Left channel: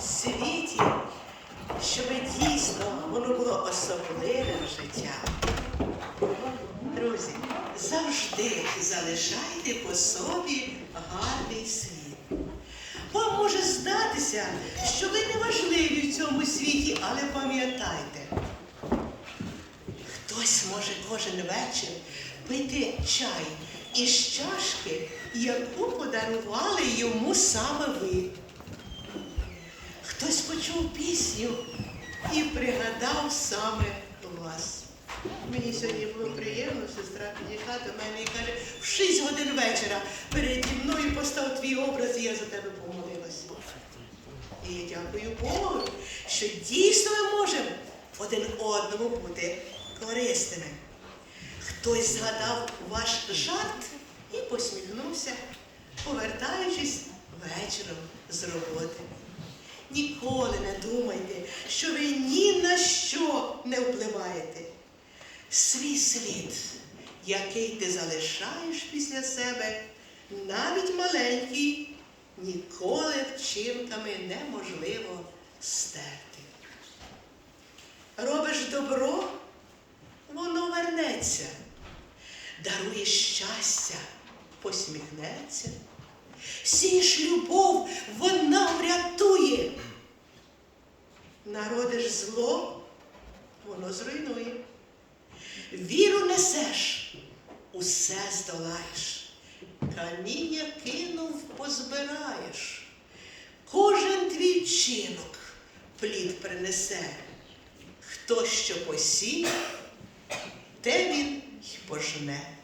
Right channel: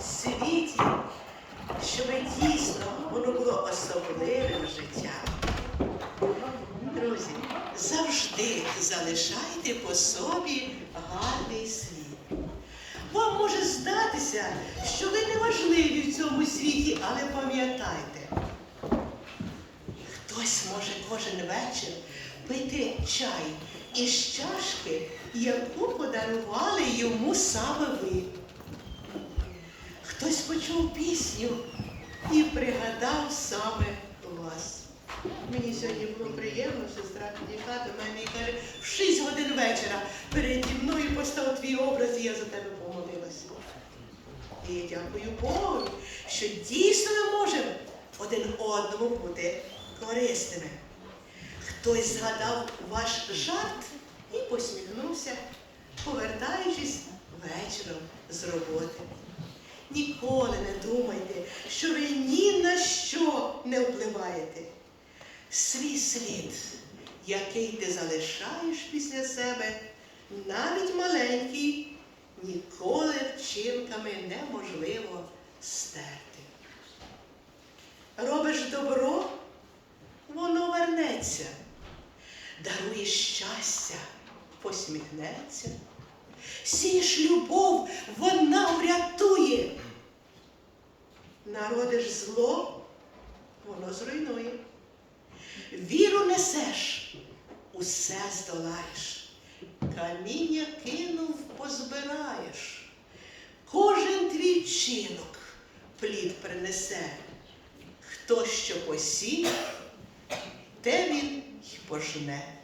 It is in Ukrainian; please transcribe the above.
світі, щоб дійсно воно було особливим життям. Друзі, завжди залишайте по собі гарний слід. Вам може здатися, що ви не важливі в цьому світі, але пам'ятайте, хтось може кожен вечір пити чай із чашки, яку подарували йому саме ви. Хтось і пригадав саме вас. Мені сьогодні було приємно, сестра підійшла до мене і каже, в 6 годин вечора переді мною постав твій образ, і я за тебе помолилася. І я дякую Богу, що дійсно ми можемо один одному бути корисними. Хтось згадав ваш жарт і посміхнувся, повертаючись вечором з роботи. Ніколи не думайте, що ви ні на що не впливаєте. Свій слід, який ти залишаєш після себе, навіть маленький, ніколи вчинками неможливо стерти. Робиш добро, воно вернеться, даруєш щастя, посміхнеться. Вона врятує. Народиш зло, воно зруйнує. Віру несеш, усе здолаєш. Каміння кинув, позбираєш. Кожен твій вчинок плід принесе. Хто що посіє, те він й пожне.